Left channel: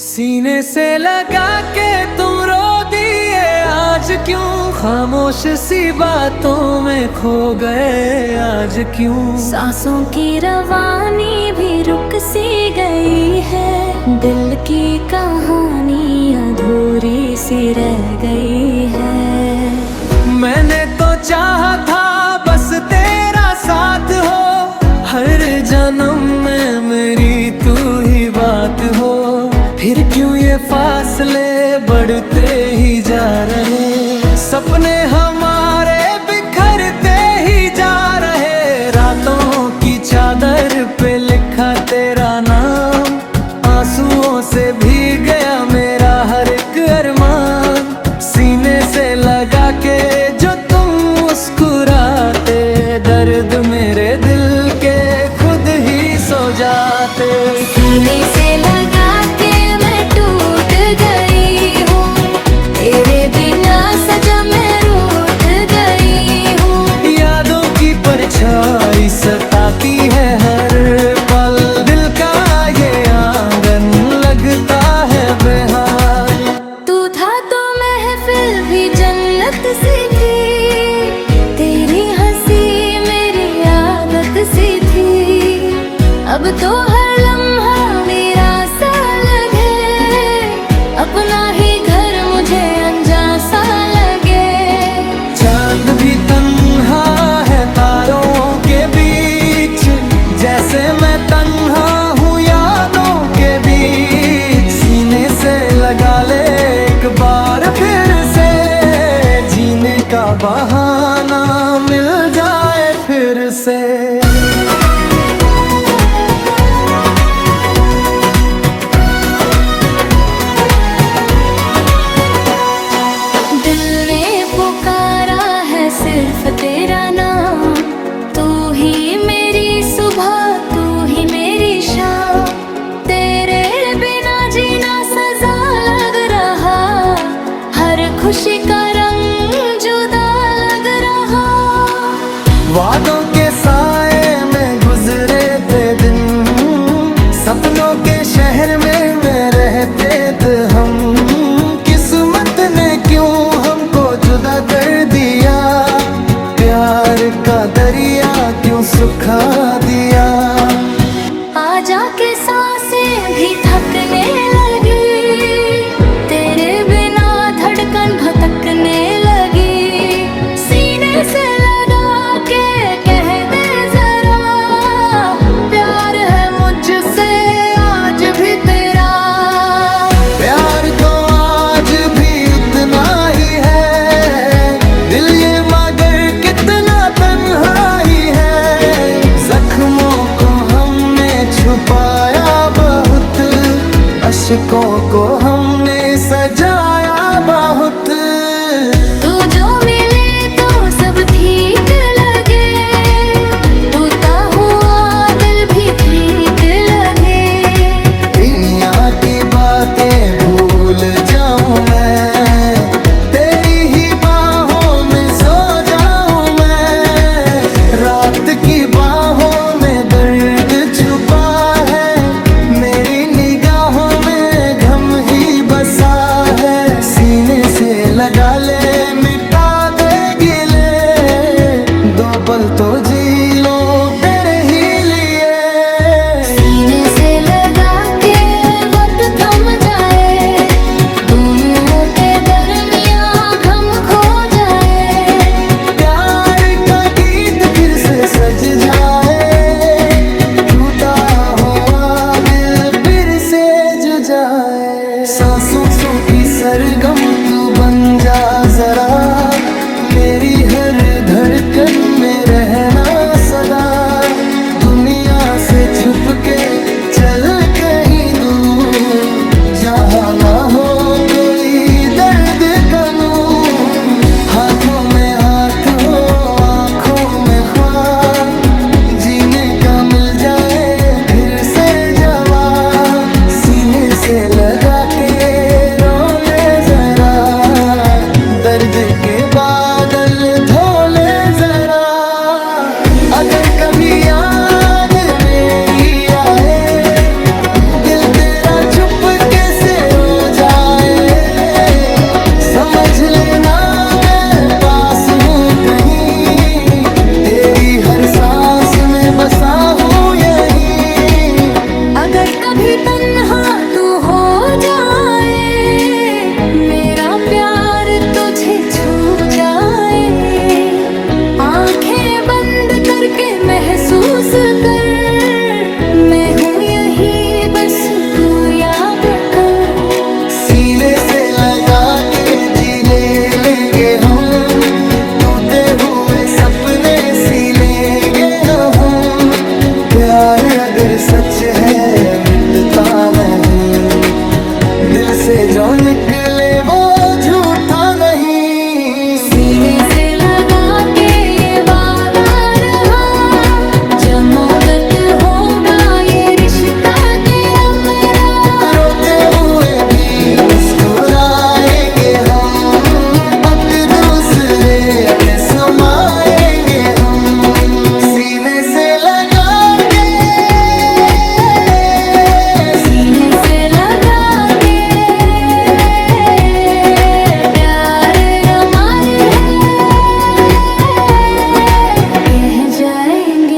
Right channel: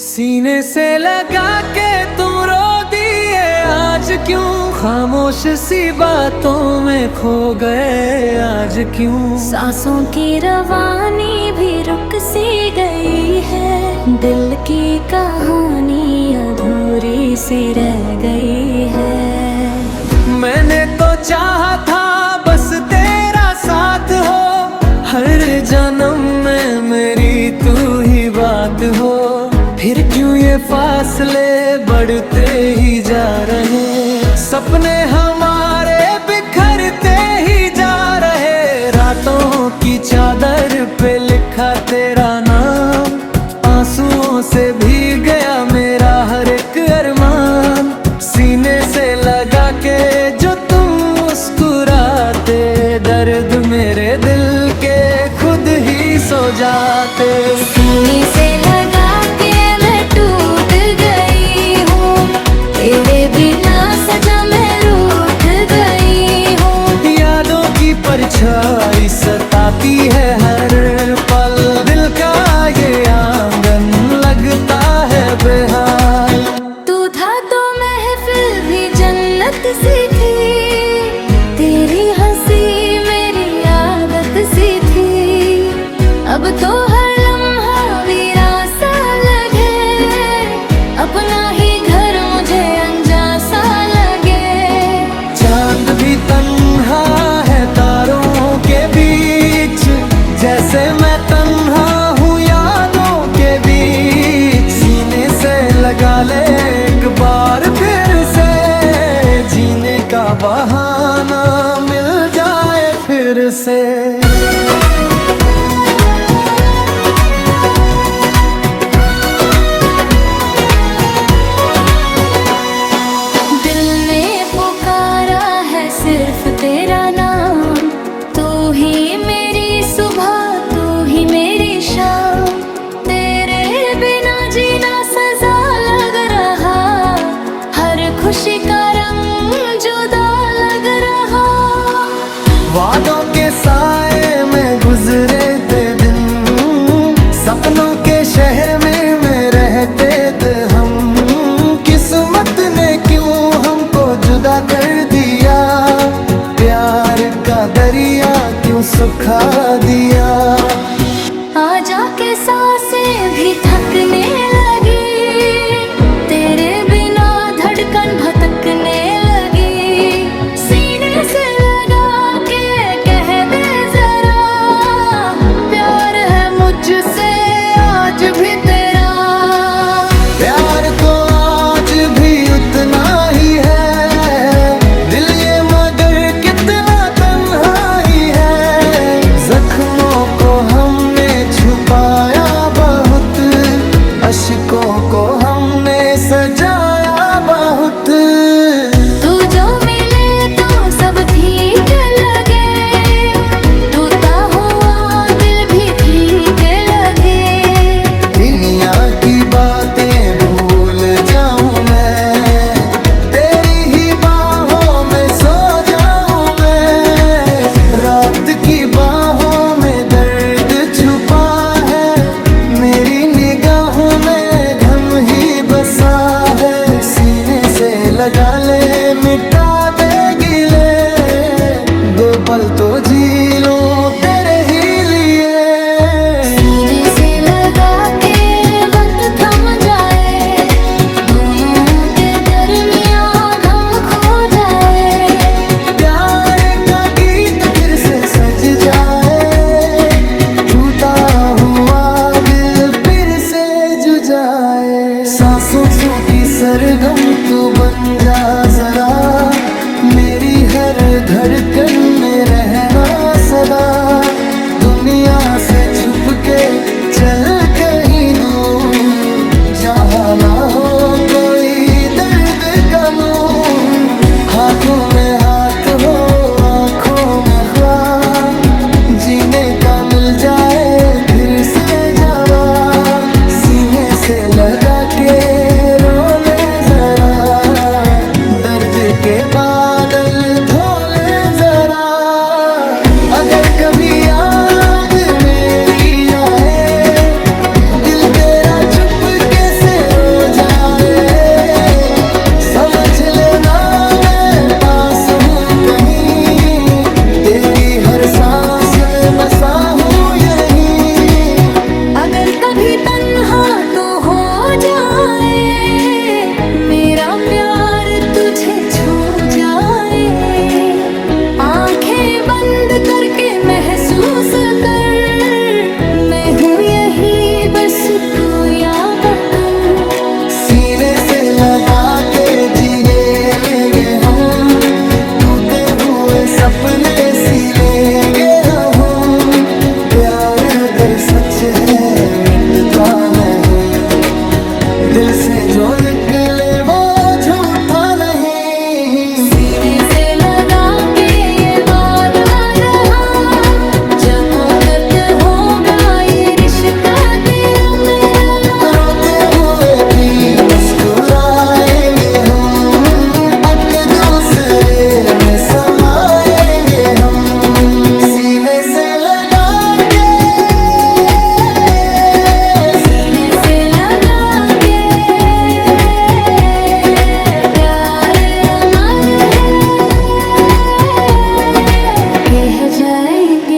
सीने से लगा के तुम रो दिए आज क्यों, खामोश सी बातों में खो गए आज क्यों। सांसों की रवानी भी रुक सी गई है, दिल की कहानी अधूरी सी रह गई है। मैंने तो चाहा था बस तेरा साथ हो, हर जन्म में मेरी तू ही बात हो। फिर क्यों ये फासले बढ़ते ही जा रहे, सपने हमारे बिखरते ही जा रहे। रातों की चादर पे लिखा तेरा नाम, आंसुओं से भीग गया मेरा हर एक अरमान। सीने से लगा के जो तुम मुस्कुराते, दर्द मेरे दिल के खुद ही सो जाते। सीने से लगा के मैं टूट गई हूँ, तेरे बिना सजा मैं रूठ गई हूँ। यादों की परछाई सताती है हर पल, दिल का ये आंगन लगता है बेहाल। तू था तो महफिल भी जन्नत सी थी, तेरी हंसी मेरी आदत सी थी। अब तो हर लम्हा वीरा सा लगे, अपना ही घर मुझे अनजान सा लगे। चांद भी तन्हा है तारों के बीच, जैसे मैं तन्हा हूँ यादों के बीच। सीने से लगा ले एक बार फिर से, जीने का बहाना मिल जाए फिर से। दिल ने पुकारा है सिर्फ तेरा नाम, तू ही मेरी सुबह तू ही मेरी शाम। तेरे बिना जीना सजा लग रहा, हर खुशी का रंग जुदा लग रहा। वादों के साए में गुजरे थे दिन, सपनों के शहर में रहते थे हम। किस्मत ने क्यों हमको जुदा कर दिया, प्यार का दरिया क्यों सुखा दिया। आ जाके सांसें भी थकने लगी, तेरे बिना धड़कन भटकने लगी। सीने से लगा के कह दे जरा, प्यार है मुझसे आज भी तेरा। प्यार तो आज भी उतना ही है, दिल ये मगर कितना तन्हा ही है। जख्मों को हमने छुपाया बहुत, अश्कों को हमने सजाया बहुत। तू जो मिले तो सब ठीक लगे, टूटा हुआ दिल भी ठीक लगे। दुनिया की बातें भूल जाऊं मैं, तेरी ही बाहों में सो जाऊं मैं। रात की बाहों में दर्द छुपा है, मेरी निगाहों में गम ही बसा है। सीने से लगा ले मिटा दे गिले, दो पल तो जी लूं तेरे ही लिए। सीने से लगा के वक्त थम जाए, दोनों के दरमियां गम खो जाए। प्यार का गीत फिर से सज जाए, टूटा हुआ दिल फिर से जुड़ जाए। सांसों की सरगम तू बन जा जरा, मेरी हर धड़कन में रहना सदा। दुनिया से छुप के चल कहीं दूर, जहाँ ना हो कोई दर्द का नूर। हाथों में हाथ हो आँखों में ख्वाब, जीने का मिल जाए फिर से जवाब। सीने से लगा के रो ले जरा, दर्द के बादल धो ले जरा। अगर कभी याद मेरी आए, दिल तेरा चुपके से बसा हूँ यहीं। अगर कभी तन्हा तू हो जाए, मेरा प्यार तुझे छू जाए, आंखें बंद करके महसूस कर, मैं हूँ यही बस तू या बकम। सीने से लगा के जी लेंगे हम, टूटे हुए सपने सी लेंगे हम। प्यार अगर सच है मिटता नहीं, दिल से जो निकले वो झूठा नहीं। सीने से लगा के ये वादा रहा, जन्मों-गत होगा ये रिश्ता तेरा मेरा। रोते हुए भी मुस्कुराएंगे हम, एक दूसरे में समाएंगे हम। सीने से लगा के, सीने से लगा के, प्यार अमर है, कह जाएंगे